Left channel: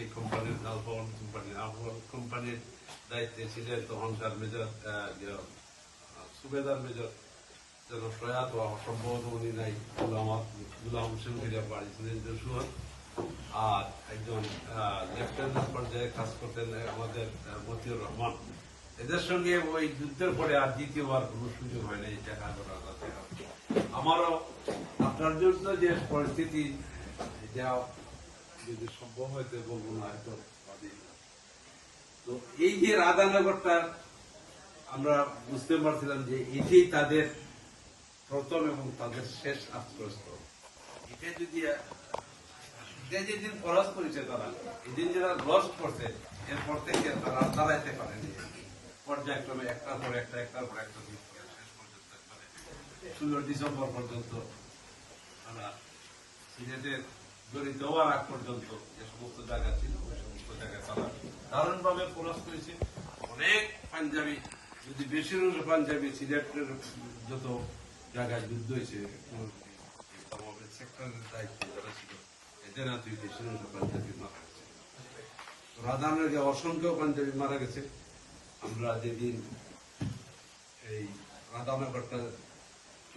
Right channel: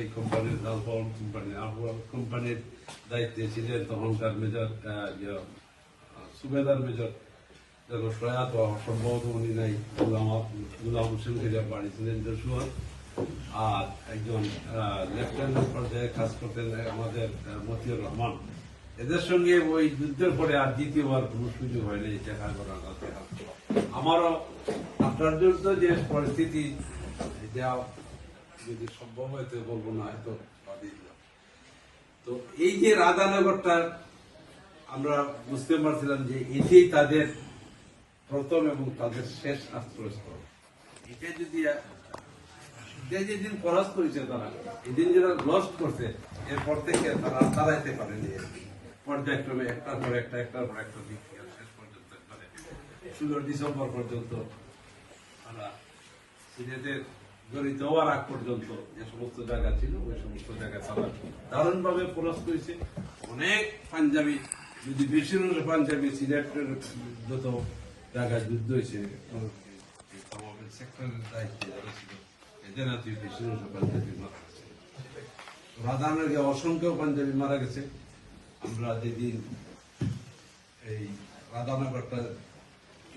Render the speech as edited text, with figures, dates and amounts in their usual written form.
সেই কোম্পানির লালপালন কোম্পানির দায়িত্বে ছিলেন তখনকার মেজর সুবেদার মেজর যেন প্রয়াত সম্ভবত উনি নাই গুলাম হোসেন খেজা বাড়ি ছিলেন যশোর। আর একজন লেফটেন্যান্ট পর্যায়ে কাজ করতেন আমাদের মতিউর রহমান। এদের সঙ্গে ওই যুদ্ধের পরে আর দ্বিতীয়বার কোন সুযোগ হয়নি দেখা করার। আমারও আপনার জন্য যে পরিস্থিতি এটা যদি সম্ভব হয়তো বলবো না হয়তো। তো এই যে রাধানগরটা আমরা বুঝতে পারছিলাম যে এটাই তাদের প্রথম এবং তাদের শেষ আশ্রয়স্থল। এটা যদি যেদিন খরচ করেছে তারা এদিন যারা লস্ট করছে এরপর থেকে তারা দাঁড়াইতে পারেনি পর্যায়ক্রমে একটার পর একটা দিক থেকে শেষ পর্যন্ত 16 ডিসেম্বর পর্যন্ত তারা সিলেটের জড়িত হওয়ার আগ পর্যন্ত যে সমস্ত জায়গা ছিল ওই সমস্ত জায়গায় তারা দারুণভাবে খরচ করেছে। অনেক পাঞ্জাবি যদি বেশিরভাগ পাঞ্জাবি সিলেটের যত জায়গায় যুদ্ধ হয়েছে সেক্টরের দায়িত্ব যারা ছিল এদের হাতে বেশিরভাগ পাঞ্জাবি মারা গেছে। রাধানগরে অসংখ্য পাঞ্জাবি মারা গেছে। আমরা যেদিন এই রাধানগরটা